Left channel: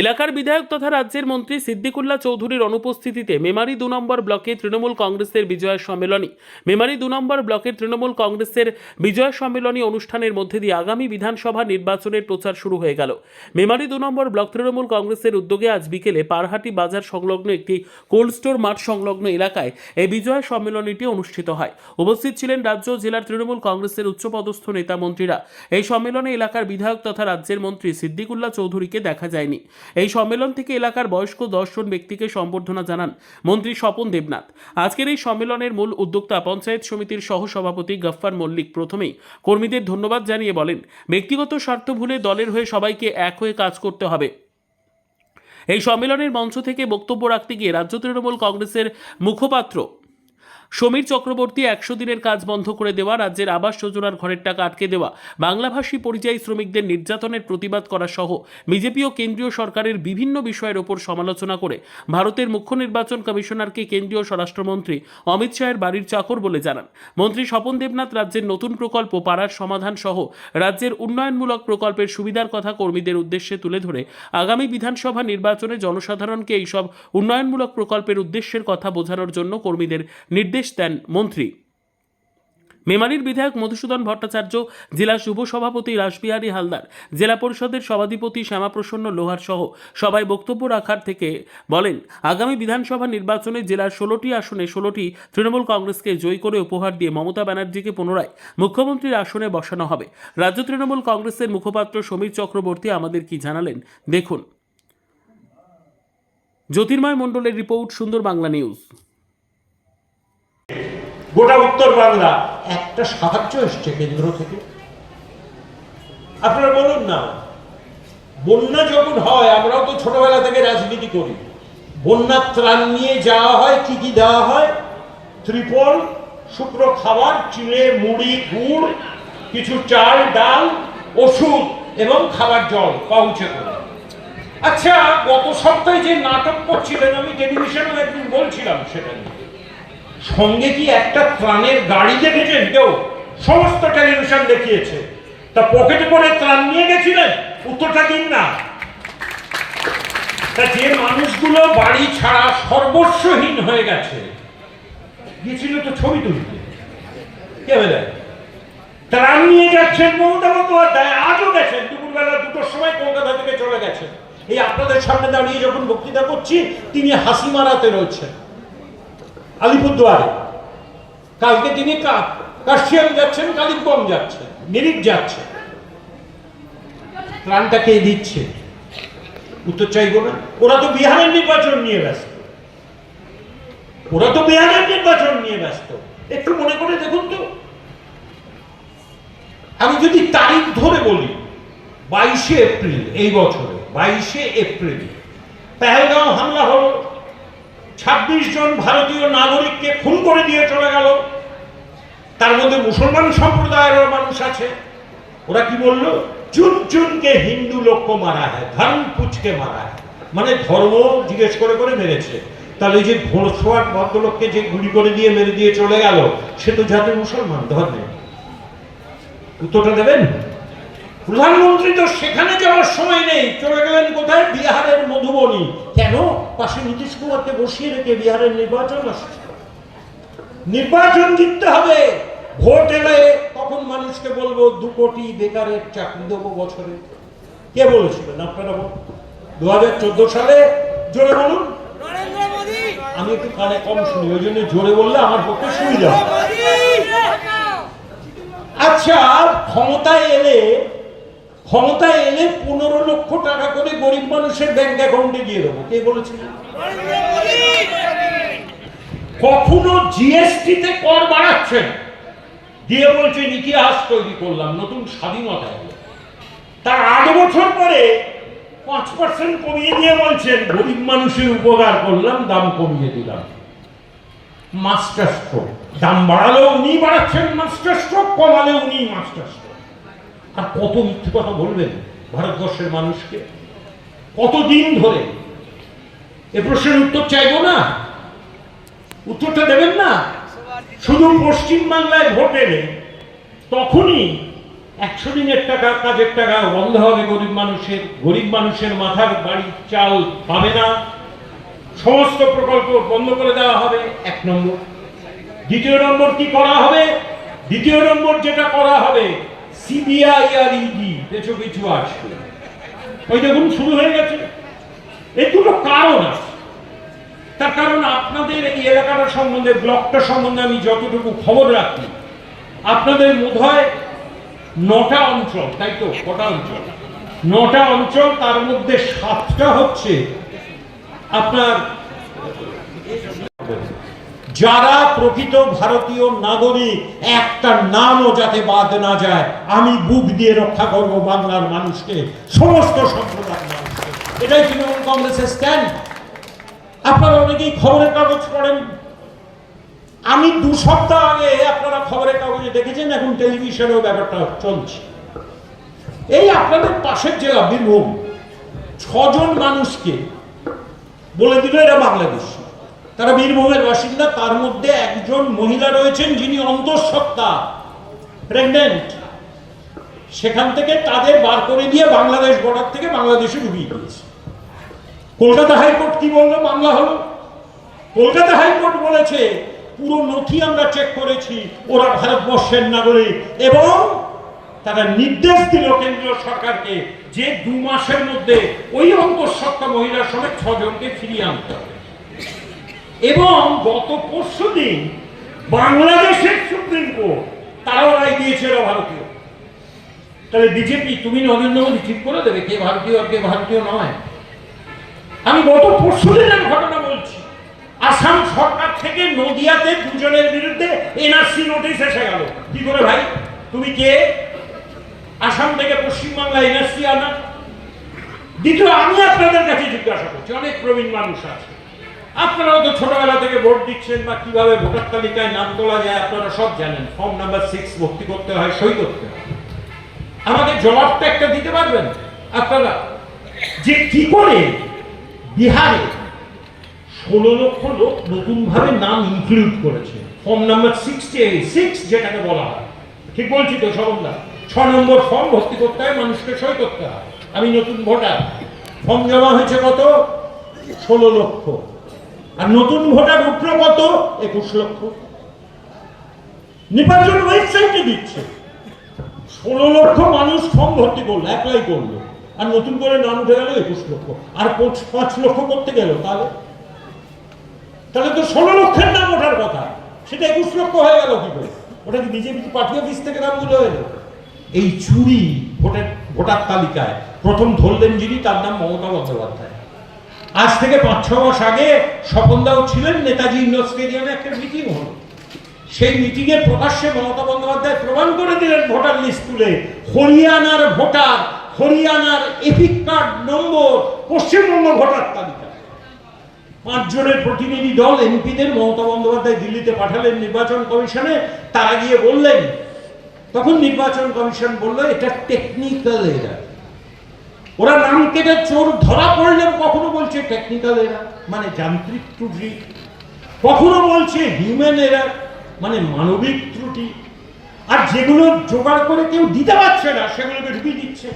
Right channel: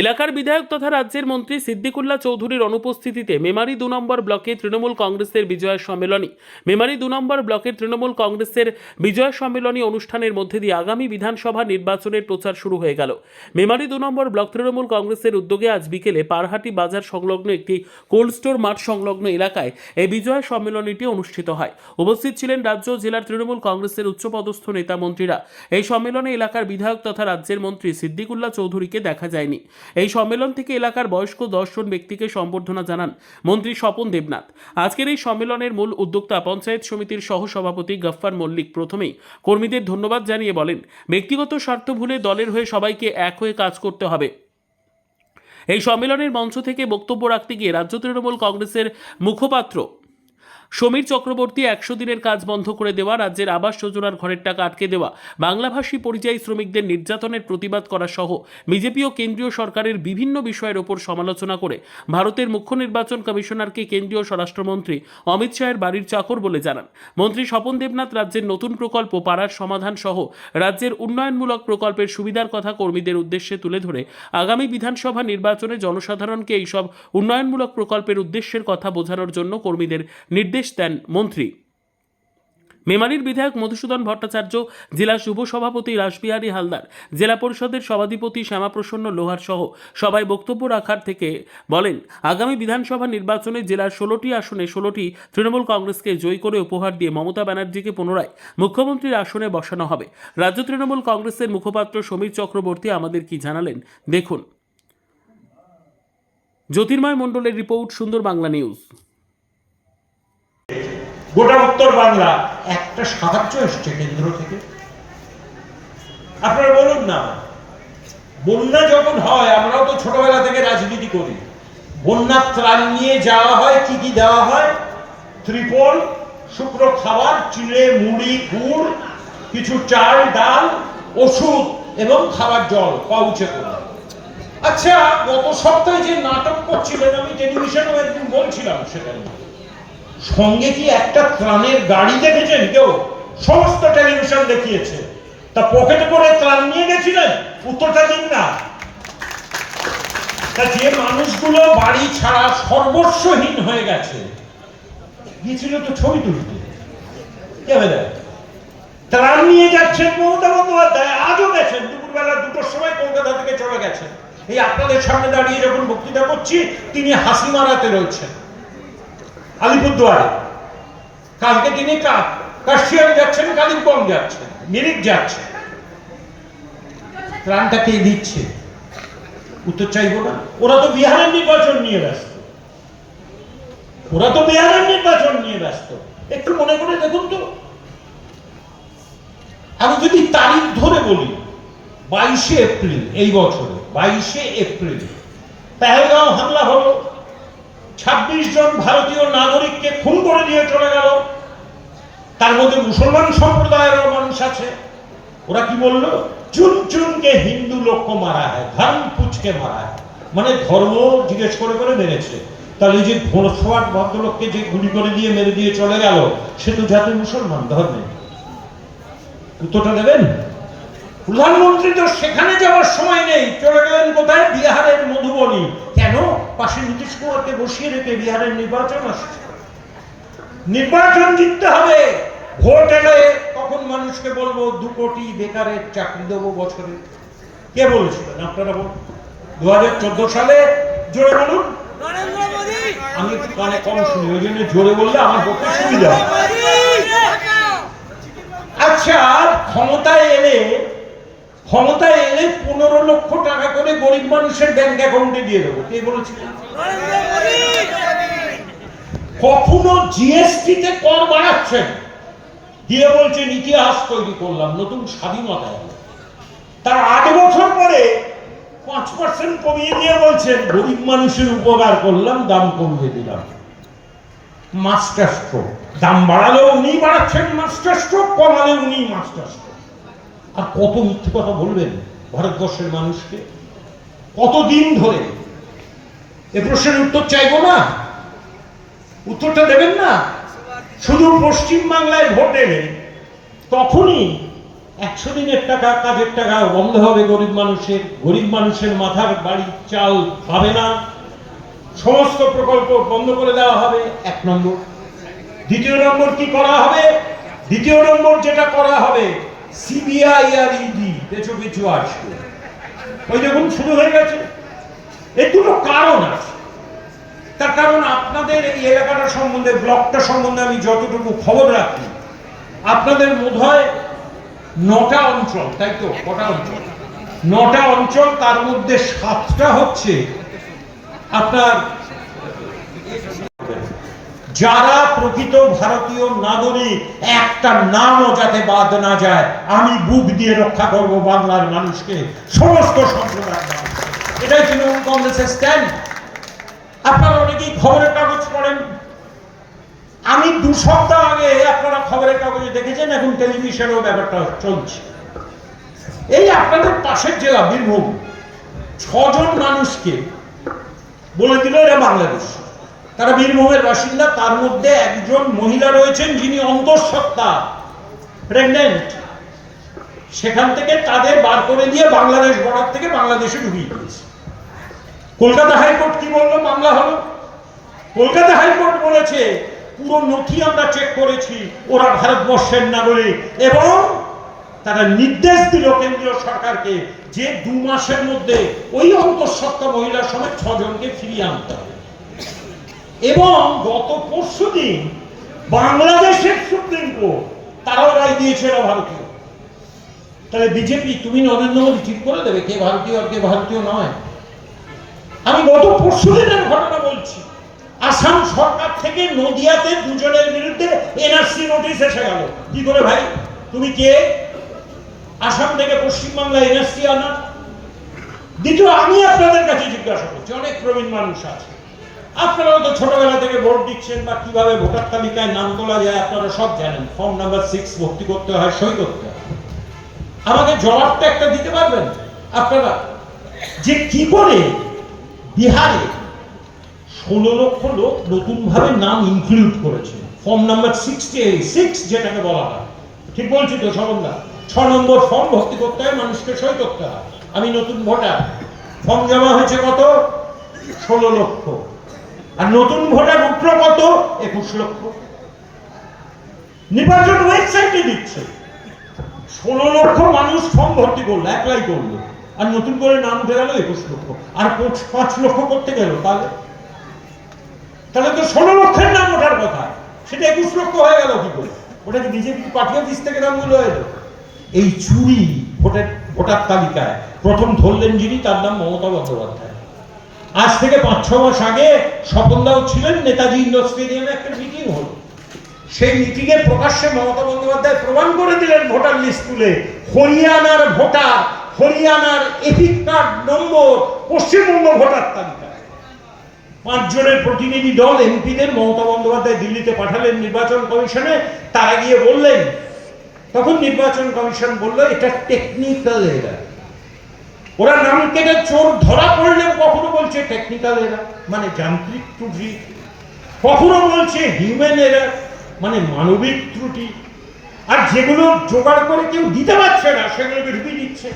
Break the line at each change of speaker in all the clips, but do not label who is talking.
এলাকার বিধায়ক তথা রাজ্যের মন্ত্রী সিদ্দিকুল্লাহ চৌধুরীর অনুপস্থিতিতে মেমারি দু নম্বর ব্লকে তৃণমূল কংগ্রেসের বিজয় সম্মেলনী, মেমারি দু নম্বর ব্লকের তৃণমূল কংগ্রেসের বিজয় সম্মেলনী অনুষ্ঠানের মধ্যে দিয়ে আগামী বিধানসভা নির্বাচনের প্রচার শুরু হয়ে গেল। মেমারি দু নম্বর ব্লক তৃণমূল কংগ্রেসের উদ্যোগে আজ বিকেলে পারহাটি বাজার সংলগ্ন একটি কোল্ড স্টোর মাঠ সংলগ্ন এলাকায় এই বিজয় সম্মেলনীটি অনুষ্ঠিত হয়। উপস্থিত ছিলেন রাজ্য জেলার তৃণমূল কংগ্রেসের উচ্চপদস্থ নেতা মন্ত্রীরা। এই সম্মেলনে এলাকার বিধায়ক তথা রাজ্যের মন্ত্রী সিদ্দিকুল্লাহ চৌধুরীকে দেখা যায়নি। এই সম্মেলন থেকে এলাকার বয়স্ক দশজন ব্যক্তিকে সম্বর্ধনা জানান মন্ত্রী স্বপন দেবনাথ। আজকের এই সম্মেলনের মূল উদ্যোক্তা পঞ্চায়েত সমিতির সহসভাপতি গফফার মল্লিক প্রথমেই কর্মীদের ধন্যবাদ জানিয়ে বলেন, ব্যক্তিগত স্বার্থ ভুলে দলের হয়ে সবাইকে এক হয়ে কাজ করতে হবে। এই সম্মেলনের মঞ্চ থেকে বক্তব্য রাখতে গিয়ে রাজ্য তৃণমূল কংগ্রেসের মুখপাত্র সমীর চক্রবর্তী একশো দিনের কাজ বন্ধ করে দেওয়া, রাজ্যের আবাস যোজনার ঘরের টাকা আটকে দেওয়া, বাংলাভাষী পরিযায়ী শ্রমিকদের নির্যাতনের প্রতিবাদ করা সহ বিজেপি ও কেন্দ্রীয় সরকারের বিভিন্ন বিষয়ের ওপর সমালোচনা করে, ভারতের মুখ্য নির্বাচন কমিশনারকে কেন্দ্রীয় স্বরাষ্ট্রমন্ত্রী অমিত শাহের বাড়ির চাকর বলে জানান। মন্ত্রী স্বপন দেবনাথ রাজ্যের নতুন প্রকল্প পাড়ার সমাধান সহ রাজ্যের উন্নয়নমূলক প্রকল্পের সুবিধার কথা কর্মীদের উদ্দেশ্যে তুলে ধরে, আগামী বিধানসভা নির্বাচনে জনসাধারণকে এইসব উন্নয়নমূলক প্রকল্পের উদ্দেশ্যের কথা বোঝানোর জন্য কর্মীদের নির্দেশ দেন মন্ত্রী। মেমারির বিধায়ক মধুসূদন ভট্টাচার্য, জেলা শুভ সভাপতি রাসবিহারী হালদার, জেলা পরিষদের সভাধিপতি শ্যামাপ্রসন্ন লোহার সহ সবাই বক্তব্য রাখার থেকে বলেন, আগামী বিধানসভা নির্বাচনে জেলার ষোলোটি আসনে ষোলোটি তৃণমূল কংগ্রেসকে জয়ী করে উপহার দিয়ে মমতা ব্যানার্জিকে পুনরায় মুখ্যমন্ত্রীর আসনে বসানো হবে। রাজ্য তৃণমূল কংগ্রেসের মুখপাত্র সমীর চক্রবর্তী আমাদের কি জানালেন? দেখুন। জ্যোতির্ময় মণ্ডলের রিপোর্ট, সুন্দর বাংলা নিউজ।
গোটা উত্তর বাংলা। একটা সাহায্য এসছে কেন্দ্র থেকে। আপনারা বলুন না বন্যা যখন হয় আমরাও তো ছোটবেলা থেকে রাজনীতি করি। বন্যার ত্রাণ নিয়ে যাওয়া হয় কি কি দেওয়া হয়? ত্রিপল শুকনো খাবার চিড়ে মুড়ি গুড় কিছু চাল ডাল ওষুধ এবং খাবার জল পাউচে করে। আচ্ছা গত সপ্তাহে যে নাটক করছিলেন আমি টেলিভিশনে একদিন বলছিলাম সেটা নিয়ে। সঙ্গে কি একটা ত্রাণের গাড়ি দেখেছেন কেউ? সমস্ত টেলিভিশন দেখিয়েছে। তা পকেটে করে ত্রাণ নিয়ে গেছিলেন? উত্তরটা দিন না। তা যে মানুষগুলো বাড়ি ছাড়া সর্বস্বহীন হয়ে গেছে, গিয়েছিল তো ছবি তুলতে। কে বলে? ত্রাণ নিয়ে যাচ্ছেন মমতা বন্দ্যোপাধ্যায়, আজও গেছেন। দুপুরবেলা দুটোর সময় কলকাতা থেকে চলে গেছেন। এই আপনাদের সামনে দাঁড়িয়ে যখন বক্তৃতা করছি, তিনি হাসি মারাতে রয়েছেন। আলিপুরদুয়ারে কালকে তিনি যাচ্ছেন, কালিম্পং যাচ্ছেন ত্রাণটা কে দিচ্ছে। উত্তর চাইব না? ওরা তো বিহারের নির্বাচন নিয়ে ব্যস্ত। ওরা তো বিহারের নির্বাচন নিয়ে ব্যস্ত। একটু মনে করে দেখুন তো। আমি যদি তারিখ ধরে বলি, বাইশে এপ্রিল এই বছরে, বাইশে এপ্রিল, পেহেলগাঁও হামলা হলো। ছাব্বিশ জন ভারতীয় নাগরিককে খুন করে দিয়ে চলে গেল। তার মধ্যে মুসলমান সম্প্রদায়েরও মানুষ আছে। ওরা কি বলল? চুন চুনকে হিন্দু লোককে মারা হয়, ধর্ম পুচকে মারা হয়। মানে ধর্ম জিজ্ঞেস করে করে মেরেছে। তাহলে যে ঘোড়সোয়ার ভদ্রলোককে যে গুলি করে দিয়ে মেরে দিয়ে চলে গেল, সে তো যাতে মুসলমান, ধর্মে উত্তরটা দেবেন? প্রধানমন্ত্রী তো সেখানে যাওয়ার সময় নেই, চলে গেলেন কোথায়? বিহারের মধুবনী। কেন? পাশে নীতিশ কুমারকে বসিয়ে রেখে বিহারের নির্বাচন আসছে। নির্বাচন জিততে হবে। ভোট এলে তখন মানুষকে বলব, দু কোটি বেকারের চাকরি দেবো বছরে। কে বলেছিলেন আপনারা দু হাজার চোদ্দ সালে জোরে বলুন। আমি একটু কানে কম শুনি, ওই জন্য জোরে বললে আমার পক্ষে সুবিধা। আচ্ছা ক্ষমতায় এলে ক্ষমতায় এলে পনেরো লক্ষ টাকা করে গরিব মানুষের ব্যাংক অ্যাকাউন্টে দিয়ে দেবো। কে বলেছিলেন কখনো জিএসটি তে কর বাড়াচ্ছেন? দিয়ে বলছেন, ইতিহাস তৈরি করলাম, নতুন স্বাধীনতা হলো তার আট বছর পরে পাঁচ পার্সেন্ট কমিয়ে দিয়ে বলছেন, গরিব মানুষের উপকার করলাম, দাম কমিয়ে দিলাম। মাস্টার স্ট্রোক দাম বাড়ালেও উনি বাড়াচ্ছেন মাস্টার স্ট্রোক কমালে উনি মাস্টার স্ট্রোক আর কত মিথ্যে কথা বলবেন ভারতবর্ষের মানুষকে? কতদিন ধরে? এ প্রশ্নের উত্তর চাইব না? উত্তরটা দেবেন না? শুধু পশ্চিম বাংলায় ভোট এলে তখনই একশো দিনের টাকা, কাজের টাকা বন্ধ হবে গরিব মানুষের গরিব মানুষের মাথার বাড়ি চাল পাবে না। সমস্ত প্রকল্প বন্ধ করে দেওয়া হবে, এক নম্বর। দ্বিতীয় নম্বর কি করা হবে? দ্বিতীয় নম্বর যেটা করা হবে সিবিআই আর ইডি কিছু কিছু আসবে ওই দেখুন, শুরু হয়ে গেছে। দুটো কারণ আছে। তার কারণ আপনাদের এই এলাকাটা সম্বন্ধে, ব্লকটা সম্বন্ধে আমি যতটুকু খবর রাখি, আপনাদের বোধ হয় নটা অঞ্চল, তাই তো? কটা অঞ্চল? নটা অঞ্চল, তার মধ্যে সাতটা হচ্ছে আপনার যারা প্রকৃত ভারতীয় নাগরিক, একটা নামও যাতে বাদ না যায়, আমি বুক দিয়ে রক্ষা করব বাংলার মানুষকে, সমস্ত সম্প্রদায়ের এটাই তৃণমূল কংগ্রেসের স্ট্যান্ড আপনারা অনেকেই খবরের কাগজ পড়েন। আমি দু সপ্তাহ আগে আপনারা খবরের কাগজে দেখেছেন, এখন টেলিভিশনেও ব্যাপারটা চলছে। এই আপনাদের পাশের জেলা, বীরভূম, ছজন মানুষকে বলে দিল এরা বাংলাদেশ। তারা বীরভূমের বাসিন্দা তার মধ্যে একজন মহিলা রয়েছেন যিনি অন্তঃসত্ত্বা প্রেগনেন্ট সেখান থেকে তাদের বার করে দিয়ে বাংলাদেশ বর্ডার থেকে বাংলাদেশে ঢুকিয়ে দিয়েছে। কলকাতা হাইকোর্ট কি বলল? বাংলা হলো। কলকাতা হাইকোর্ট বলেছে, পুরো নথি আমরা চেক করেছি, ওরা ভারতবর্ষের নাগরিক। এবং তারা নির্দেশ দিল কেন্দ্রীয় সরকারকে যে দু মাসের মধ্যে ওই অন্তঃসত্ত্বা মহিলার সঙ্গে ছজনকে ফিরিয়ে আনতে হবে। এবং গত পরশু দিন বাংলাদেশের সুপ্রিম কোর্ট, তারাও রায় দিয়েছে এরা ভারতীয়। তাহলে বিজেপি, তুমি নরেন্দ্র মোদী ঠিক করে দেবে কে ভারতীয় আর কে ভারতীয় নয়। আমি গত পরশু দিনের ঘটনা বলছি। আসাম সরকার থেকে নদিয়াতে দুজনের বিরুদ্ধে এনআরসি নোটিশ এসে গেল। কি করে ভাই? তুমি কে? আসাম থেকে পশ্চিমবাংলা এনআরসি আনা। দ্বিতীয়, আমি আপনাদের কাছে জিজ্ঞাসা করছি, অনেক প্রবীণ মানুষ আছে। আপনারাও তো ছোটবেলা থেকে ভোট দিচ্ছেন বা কীভাবে ভোটার তালিকায় নাম তোলা যায় আপনারা সব জানেন। ফর্ম নাম্বার সিক্স ভর্তি করতে হয়, সই করতে হয়। আমাকে জবাবটা একটা দিতে পারবেন? আপনারা যে কি করে বিহারে ষোলো লক্ষ লোক নতুন ভাবে নাম ইনক্লুড করেছে। ফর্ম নাম্বার সিক্সটি সিক্স যেটাকে বলা হয়। ঠিক বলছি তো সবন্দা ছ নম্বর ফর্ম ভর্তি করতে হয়, মানুষকে সই করতে হয়। আমি নতুন ভোটার। ফর্ম জমা হয়েছে কত? ষোলো লক্ষ। আর নতুন ভোটার উঠল কত? একুশ লক্ষ। নির্বাচন ওয়েবসাইটে দিচ্ছে। ষোলো লক্ষ মানুষ ফর্ম ভর্তি করল অ্যাপ্লাই করল। আর নতুন করে নাম উঠে গেল একুশ লক্ষ। আর পাঁচ- লক্ষ করতে গেল, তাহলে? তাহলে তো ষোলো লক্ষের নাম ওঠার কথা। সেটা একুশ লক্ষ হয়ে গেল কি করে? ওটা কি বিজেপি পার্টি অফিস থেকে নামগুলো এলো? এই চুরি ভোটার ভোটার তালিকায় প্রথম ধরলেন যিনি, তার নাম মমতা বন্দ্যোপাধ্যায়। আজ থেকে পাঁচ, ছ মাস আগে স্বপনদাও ছিলেন, নেতাজি ইন্ডোর স্টেডিয়ামে একটা মিটিং হলো। সেই মিটিংয়ে প্রকাশ্যে মমতা বন্দ্যোপাধ্যায় প্রমাণ করে দিলেন ভোটার লিস্ট তুলে। হরিয়ানার ভোটার, হরিয়ানার এপিক কার্ড নম্বর, পশ্চিমবঙ্গ ভোটার তালিকা। পাঁচজনের প্রতিনিধি দল, এমপিদের মমতা বন্দ্যোপাধ্যায় দিল্লিতে পাঠালেন নির্বাচন কমিশনে, তারা গিয়ে বললেন, তখন নির্বাচন কমিশন বলল, এটা টেকনিক্যাল এরার ওরা নাম কেটে চোর ধরা পড়লেও কখনো বলছে টেকনিক্যাল এরার মানে যান্ত্রিক ত্রুটি। কখনো বলছে হিউম্যান এরার মানে মানবিক ত্রুটি। আর যেগুলো জোগাড় করে কেউ দিতে পারছে না, সেগুলোকে ঢুকিয়ে দিচ্ছে।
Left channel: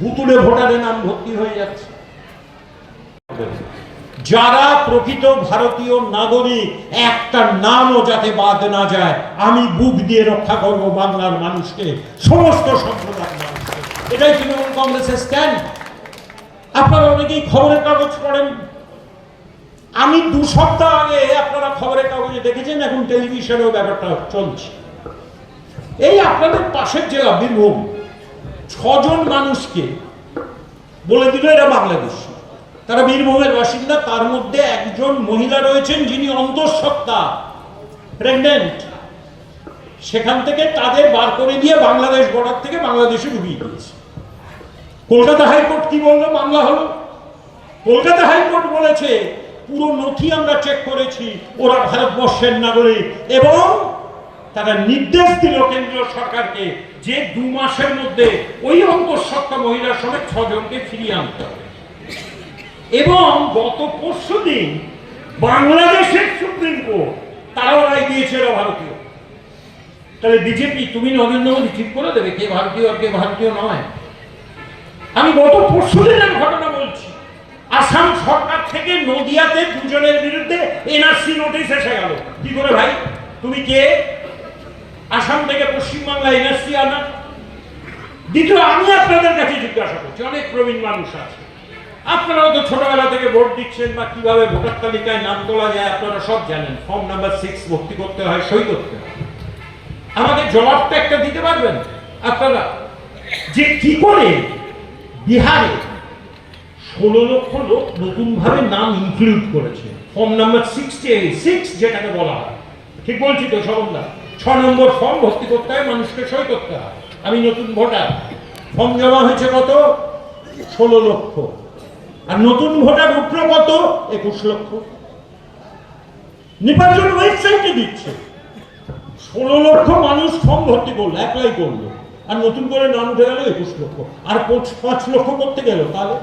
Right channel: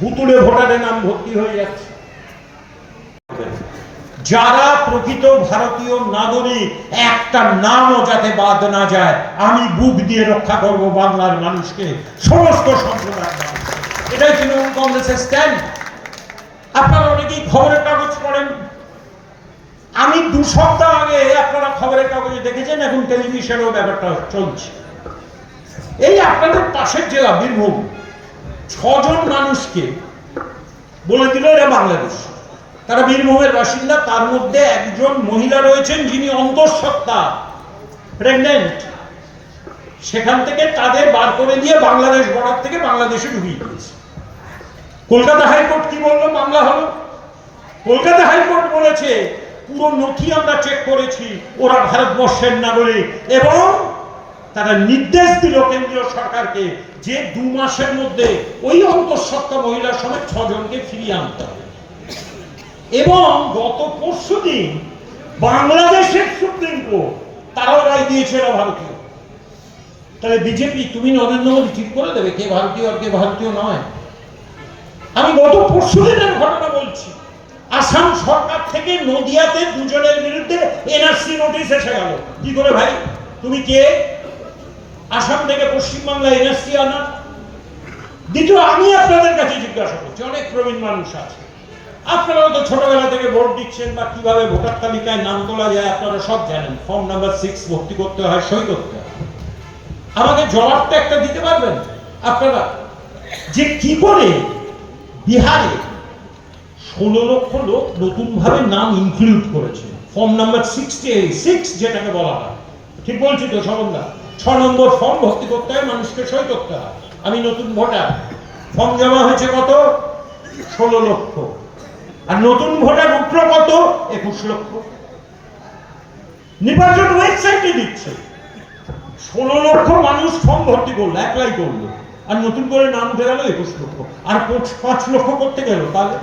ভুতুড়ে ভোটারের নাম ভর্তি হয়ে যাচ্ছে। যারা প্রকৃত ভারতীয় নাগরিক, একটা নামও যাতে বাদ না যায়, আমি বুক দিয়ে রক্ষা করব বাংলার মানুষকে। সমস্ত মানুষকে এটাই তৃণমূল কংগ্রেসের স্ট্যান্ড আপনারা অনেকেই খবরের কাগজ পড়েন। আমি দু সপ্তাহ আগে আপনারা খবরের কাগজে দেখেছেন, এখন টেলিভিশনেও ব্যাপারটা চলছে। এই আপনাদের পাশের জেলা, বীরভূম, ছজন মানুষকে বলে দিল এরা বাংলাদেশ। তারা বীরভূমের বাসিন্দা, তার মধ্যে একজন মহিলা রয়েছেন যিনি অন্তঃসত্ত্বা প্রেগনেন্ট সেখান থেকে তাদের বার করে দিয়ে বাংলাদেশ বর্ডার থেকে বাংলাদেশে ঢুকিয়ে দিয়েছে। কলকাতা হাইকোর্ট কি বলল? বাংলা হলো। কলকাতা হাইকোর্ট বলেছে, পুরো নথি আমরা চেক করেছি, ওরা ভারতবর্ষের নাগরিক এবং তারা নির্দেশ দিল কেন্দ্রীয় সরকারকে যে দু মাসের মধ্যে ওই অন্তঃসত্ত্বা মহিলা সমেত ছজনকে ফিরিয়ে আনতে হবে। এবং গত পরশু দিন বাংলাদেশের সুপ্রিম কোর্ট, তারাও রায় দিয়েছে এরা ভারতীয়। তাহলে বিজেপি, তুমি নরেন্দ্র মোদী ঠিক করে দেবে, কে ভারতীয় আর কে ভারতীয় নয়। আমি গত পরশু দিনের ঘটনা বলছি। আসাম সরকার থেকে নদিয়াতে দুজনের বিরুদ্ধে এনআরসি নোটিশ এসে গেল। কি করে ভাই? তুমি কে? আসাম থেকে পশ্চিমবাংলা এনআরসি আনা। দ্বিতীয়, আমি আপনাদের কাছে জিজ্ঞাসা করছি, অনেক প্রবীণ মানুষ আছে। আপনারা তো ছোটবেলা থেকে ভোট দিচ্ছেন বা কীভাবে ভোটার তালিকায় নাম তোলা যায়, আপনারা সব জানেন। ফর্ম নাম্বার সিক্স ভর্তি করতে হয়, সই করতে হয়। আমাদের জবাবটা একটা দিতে পারবেন? আপনারা যে কি করে বিহারে ষোলো লক্ষ লোক নতুন ভাবে নাম ইনক্লুড করেছে। ফর্ম নাম্বার সিক্সটি সিক্স যেটাকে বলা হয়। ঠিক বলছি তো সমন্দা ছ নম্বর ফর্ম ভর্তি করতে হয়, মানুষকে সই করতে হয়। আমি নতুন ভোটার। ফর্ম জমা হয়েছে কত? ষোলো লক্ষ। আর নতুন ভোটার উঠল কত? একুশ লক্ষ। নির্বাচন ওয়েবসাইটে দিচ্ছে। ষোলো লক্ষ মানুষ ফর্ম ভর্তি করল অ্যাপ্লাই করল। আর নতুন করে নাম উঠে গেল একুশ লক্ষ। আর পাঁচ- লক্ষ করতে গেল, তাহলে?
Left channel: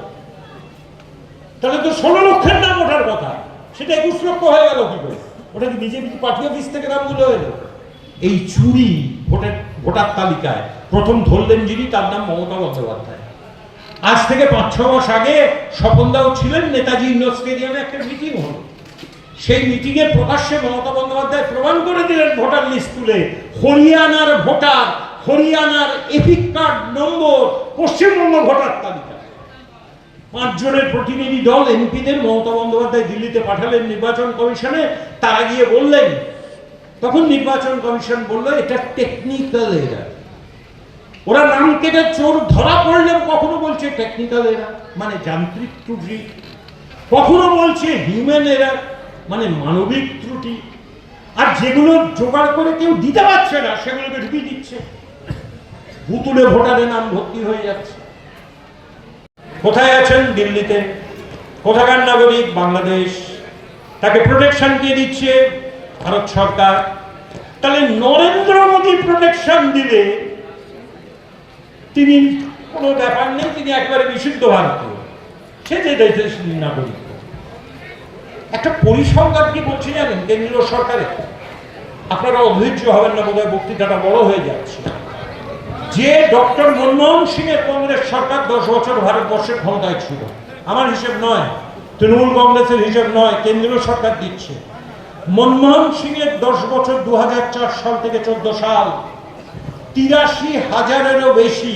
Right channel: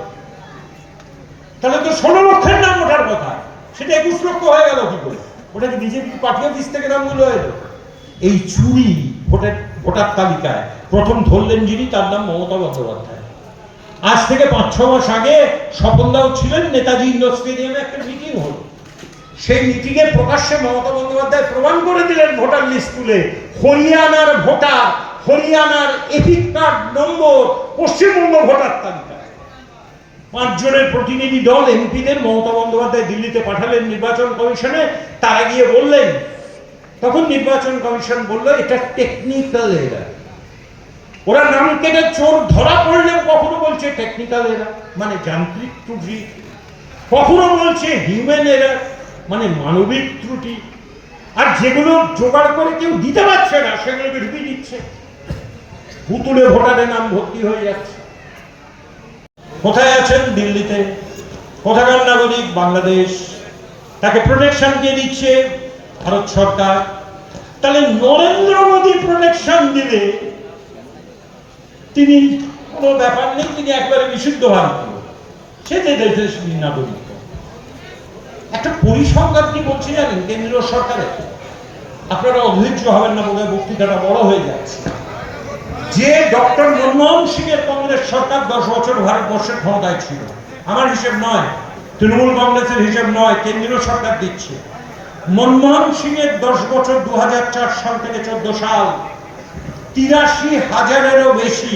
তাহলে তো ষোলো লক্ষের নাম ওঠার কথা। সেটা একুশ লক্ষ হয়ে গেল কি করে? ওটা কি বিজেপি পার্টি অফিস থেকে নামগুলো এলো? এই চুরি ভোটার ভোটার তালিকায় প্রথম ধরলেন যিনি, তার নাম মমতা বন্দ্যোপাধ্যায়। আজ থেকে পাঁচ, ছ মাস আগে স্বপনদাও ছিলেন, নেতাজি ইন্ডোর স্টেডিয়ামে একটা মিটিং হলো। সেই মিটিংয়ে প্রকাশ্যে মমতা বন্দ্যোপাধ্যায় প্রমাণ করে দিলেন ভোটার লিস্ট তুলে, হরিয়ানার ভোটার হরিয়ানার এপিক কার্ড নম্বর পশ্চিমবঙ্গ ভোটার তালিকা। পাঁচজনের প্রতিনিধি দল, এমপিদের, মমতা বন্দ্যোপাধ্যায় দিল্লিতে পাঠালেন নির্বাচন কমিশনে, তারা গিয়ে বললেন, তখন নির্বাচন কমিশন বলল, এটা টেকনিক্যাল এরার ওরা নাম কেটে চোর ধরা পড়লেও কখনো বলছে টেকনিক্যাল এরার মানে যান্ত্রিক ত্রুটি। কখনো বলছে হিউম্যান এরা মানে মানবিক ত্রুটি। আর যেগুলো জোগাড় করে কেউ দিতে পারছে না, সেগুলোকে ঢুকিয়ে দিচ্ছে। ভুতুলে ভোটারের নাম ভর্তি হয়ে যাচ্ছে। কোথায় আছেন দিল্লিতে? কোথাকার নাগরিক? বাংলাদেশ। তাকে প্রোটেকশন কে দিচ্ছে? ভারত সরকার। তাহলে নরেন্দ্র মোদী প্রোটেকশন দিলে তিনি কোনো ব্যাপার নেই, তিনি একবারে বিশুদ্ধ ভারতীয়। সে যে দেশের নাগরিক। একটা পরিসংখ্যান কি বলছি জানেন, কেন্দ্রীয় সরকারের আপনারা অধৈর্য হবেন না, বোধহয় বক্তৃতাটা বড় হয়ে যাচ্ছে। যে ডক্টর মনমোহন সিং এর কংগ্রেস সরকার দশ বছর ভারতবর্ষের ক্ষমতায় ছিল, আমার হিসেব নয়, তৃণমূল কংগ্রেসের হিসেব নয়, কেন্দ্রীয় সরকার দিচ্ছে। মনমোহন সিং এর দশ বছর দু হাজার চার সাল থেকে চোদ্দ সাল, তিরাশি হাজারেরও বেশি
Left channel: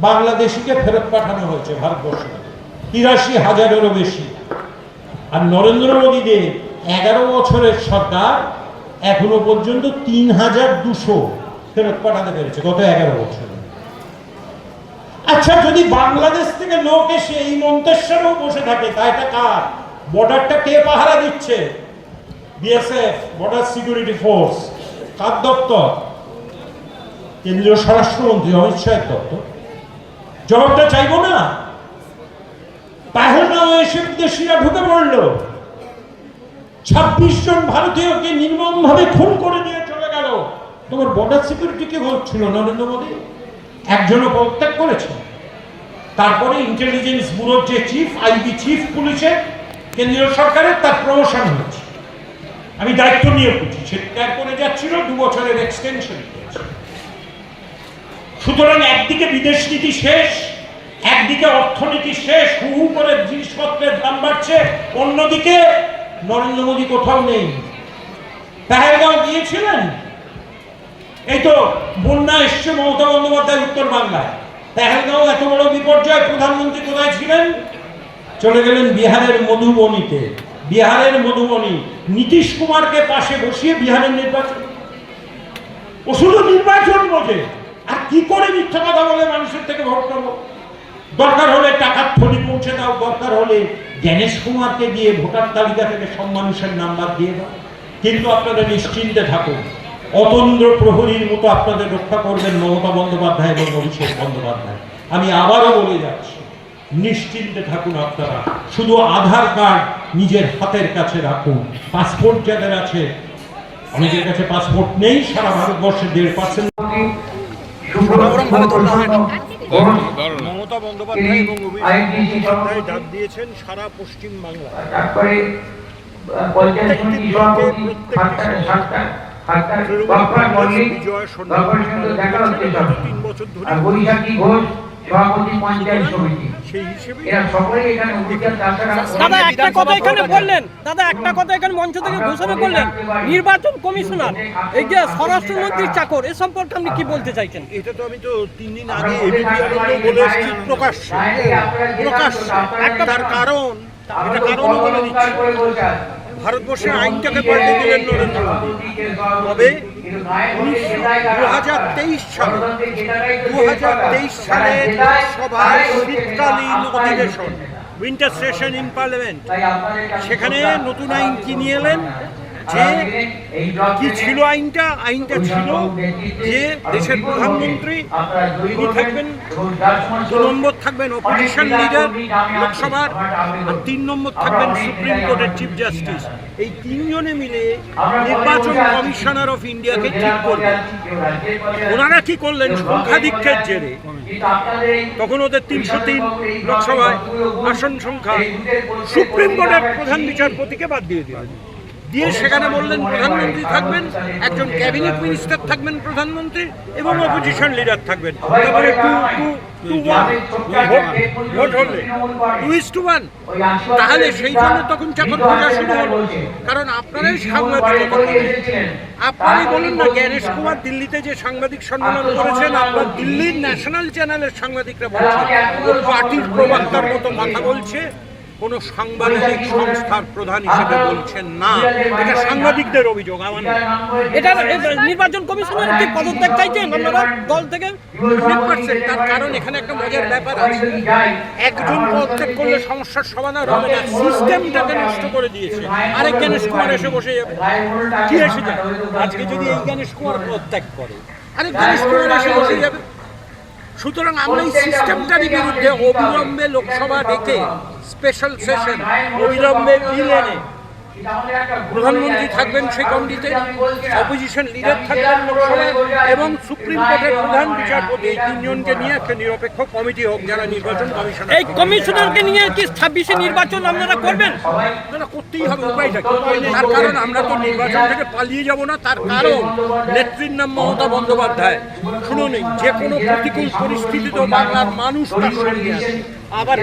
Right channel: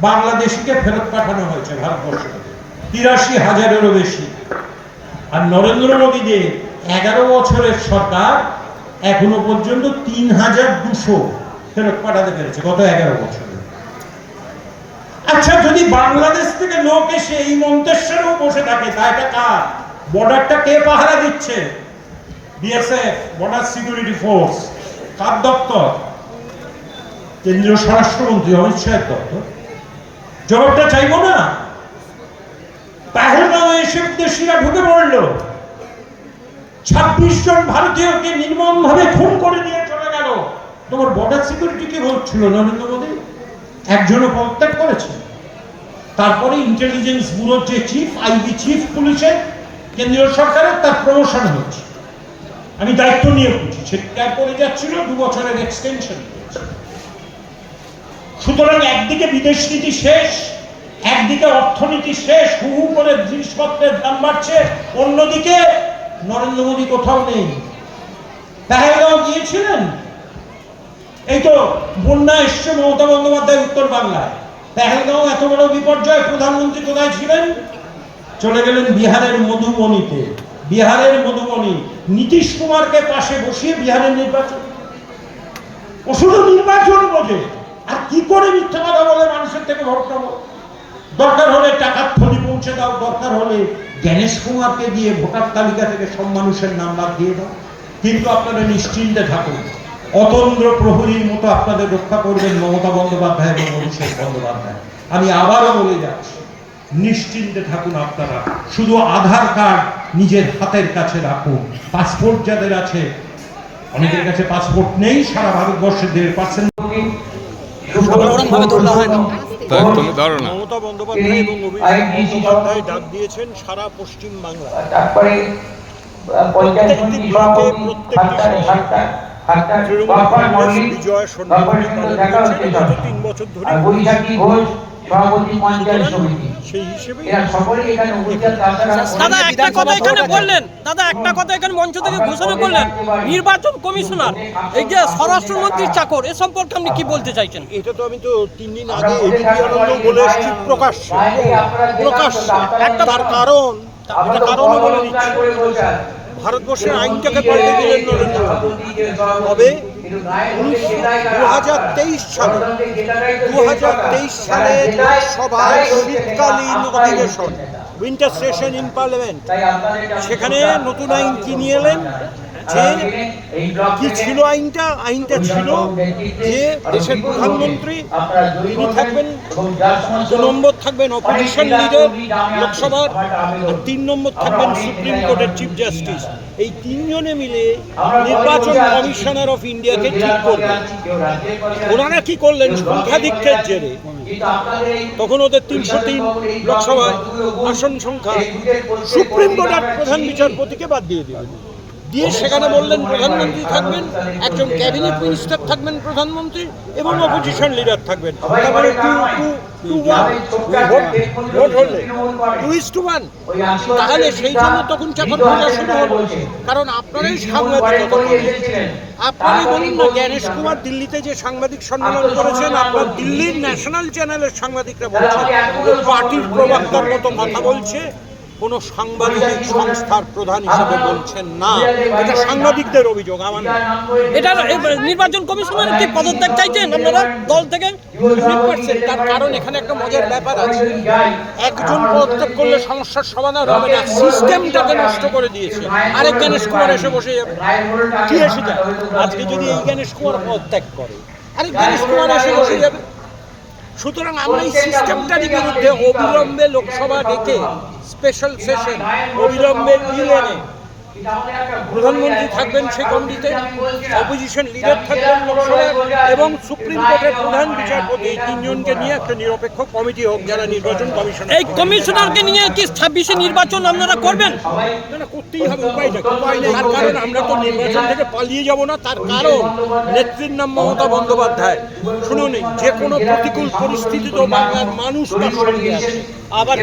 বাংলাদেশিকে ফেরত পাঠানো হয়েছে ভারতবর্ষে। তিরাশি হাজারেরও বেশি। আর নরেন্দ্র মোদীদের এগারো বছরের সরকার, এখনও পর্যন্ত তিন হাজার দুশো ফেরত পাঠাতে পেরেছে, গত এগারো বছরে। আচ্ছা যদি বাংলাদেশ থেকে লোক এসে এই মন্তেশ্বরেও বসে থাকে, তা এটা কার? বর্ডারটা কে পাহারা দিচ্ছে? বিএসএফ, বর্ডার সিকিউরিটি ফোর্স, কার দপ্তর? কেন্দ্রীয় স্বরাষ্ট্রমন্ত্রী অমিত শাহের দপ্তর। জবাবটা চাইব না? এসে বিদেশিরা ঢুকে পড়ল। ছাব্বিশ জন ভারতীয়কে নির্মম ভাবে খুন করে তোমার বর্ডার সিকিউরিটি কি হচ্ছিল নরেন্দ্র মোদী? একজনও পদত্যাগ করেছে। তারপরে ইন্টেলিজেন্স ব্যুরোর যে চিফ আইবি চিফ পুলিশের কেন্দ্রীয় সরকারের তার প্রমোশন হয়েছে। আমি দায়িত্ব নিয়ে বলছি, সে ত্যাগ করে যাচ্ছিল, দু বছরের এক্সটেনশন সুতরাং একদিকে বিদেশ নীতি শেষ, একদিকে অর্থনীতি শেষ হু হু করে জিনিসপত্রের দাম বাড়ছে, অন্যদিকে নরেন্দ্র মোদী কোথাও নেই। পেহেলগাঁও গিয়েছিলেন? এই তো বন্যা এসছে মমতা বন্দ্যোপাধ্যায় উত্তর বাংলায়। এত বড় বিপর্যয়, প্রধানমন্ত্রী কোথায় ছিলেন? চলে গেলেন বিহারের মধুবনীতে। বিহারের মধুবনী, নীতিশ কুমারকে পাশে বসিয়ে বিহারের নির্বাচন। ও শুধু নির্বাচন আর কি করে মিথ্যা কথা বলে মানুষের থেকে ভোট দরকার হলে টাকার থলি পৌঁছে দাও, দরকার হলে জ্ঞানেশ কুমারকে দিয়ে ভোটার তালিকা থেকে সব মানুষের নাম্বার দিয়ে দাও। কিন্তু আপনারা নিশ্চিন্তে থাকুন অতন্দ্র প্রহরীর মতো আপনাদের রক্ষা করবেন মমতা বন্দ্যোপাধ্যায় এবং অভিষেক বন্দ্যোপাধ্যায়। আমি আবারও বলে যাচ্ছি নিশ্চিন্তে থাকুন আপনারা। শুধু আধার কার্ড নিজের হাতের কাছে রাখুন। পাসপোর্ট যাদের আছে অনেকের কাছে পাসপোর্ট নেই সারা ভারতবর্ষে দেড় পার্সেন্ট।
মমতা বন্দ্যোপাধ্যায় এবং অভিষেক বন্দ্যোপাধ্যায় ডাক দিয়েছেন সারা পশ্চিম বাংলায় প্রত্যেকটি প্রত্যেকটি তৃণমূল কংগ্রেস বিজয় সন্ধান পালন করছে গত তিন বছর ধরে সেই হিসেবে
দাদা একটা কথা এখানে বললেন। দাদা একটা কথা এখানে মঞ্চ থেকে ঘোষণা করলেন। নির্বাচন কমিশনার এই যে স্বরাষ্ট্রমন্ত্রীর চাকর এ সম্পর্কে আপনি কি বলতে চাইছেন?
এটা তো আমি তো তিন দিন আগে এবিপি আনন্দ বলে এসেছি প্রকাশ্যে। প্রকাশ্যে। একটা তার কারণ এটা কারণও বলে দিচ্ছি। ভারতবর্ষের আইনটাকে পাল্টে দিলেন নরেন্দ্র মোদী। তবে দু হাজার তেইশ সালে দু হাজার তেইশ সালে সভায় শীতকালীন অধিবেশন উইন্টার সেশন ইন পার্লামেন্ট সেখানে নতুন আইন কি নিয়ে এলেন? যে কি ছিল আইনটা? আইনটা ছিল যে দেশের প্রধানমন্ত্রী তিনি থাকবেন, দু নম্বর থাকবেন অপোজিশন লিডার লোকসভার, আর তিন নম্বর থাকবেন সুপ্রিম কোর্টের চিফ জাস্টিস এই তিনজনে মিলে নির্বাচন কমিশনার অফ ইন্ডিয়াকে ঠিক করবেন। ওনারা কি করলেন? সংখ্যাধিক্যের জেরে। তখন ওদের তিনশো তিন লোকসভায় আসন সংখ্যা সুপ্রিম কোর্টের প্রধান বিচারপতিকে বাদ দিয়ে দিলেন। দিয়ে সেখানে বললেন, প্রধানমন্ত্রী থাকবেন, একজন ক্যাবিনেট মিনিস্টার থাকবেন প্রধানমন্ত্রী এবং অপোজিশন লিডার থাকবেন। তারপরে two two two one vote হলে। টু ইস টু ওয়ান তাহলে সেই জন্য তখন চাকর খোঁজা শুরু হলো। কারণ আপনারাই সাংবাদিকতা করেন আপনারই বলুন না, জ্ঞানেশ কুমার দিল্লিতে যে সাংবাদিক সম্মেলন করেছেন, আপনার দিল্লির ন্যাশনাল চ্যানেলের সাংবাদিকরা বলছেন, ও পার্টির প্রবক্তার মতো কথা বলছে। কোন সাংবাদিক সংস্থার প্রধান হিসেবে বলছেন না। এটা সাংবাদিকদের অভিযোগ আমার।
এটা নির্বাচন কমিশনার কি পদত্যাগ চাইছেন? আপনারা দল থেকে
100% তার কারণ এখানে একটা মজার ব্যাপার আছে। একজন পদত্যাগ করলে সমস্যার সমাধান হবে না। সিস্টেমটাকে নষ্ট করে দিয়েছে। আরেক জ্ঞানেশ কুমার এসে বসে যাবে। কি এসে যায়? আজকে যদি এই জ্ঞানেশ কুমার পদত্যাগ করে আরেক জ্ঞানেশ কুমার এসে বসে যাবে। সুতরাং আমরা এই সিস্টেমটারই বিরুদ্ধে অবিলম্বে লোকসভা ডেকে স্পেশাল সেশন অবিলম্বে বিল এনে প্রধানমন্ত্রী থাকবেন সেই কমিটিতে অপোজিশন লিডার থাকবেন লোকসভার এবং সুপ্রিম কোর্টের প্রধান বিচারপতি এই তিনজনকে নিয়ে একটা নিরপেক্ষ কমিটি হোক যারা নির্বাচন কমিশন
এই কমিশনারকে নিয়ে কি ছাব্বিশে নির্বাচন আপনারা করবেন?
না করতেই হবে উপায়টা? তার কারণ আমরা তো নির্বাচন থেকে পালিয়ে যাব না তার কারণ নেত্রীর নাম মমতা বন্দ্যোপাধ্যায়। শুনুন যে কোনো প্রতিকূল পরিস্থিতিতেও বাংলার মানুষ তার সঙ্গে আছে আবার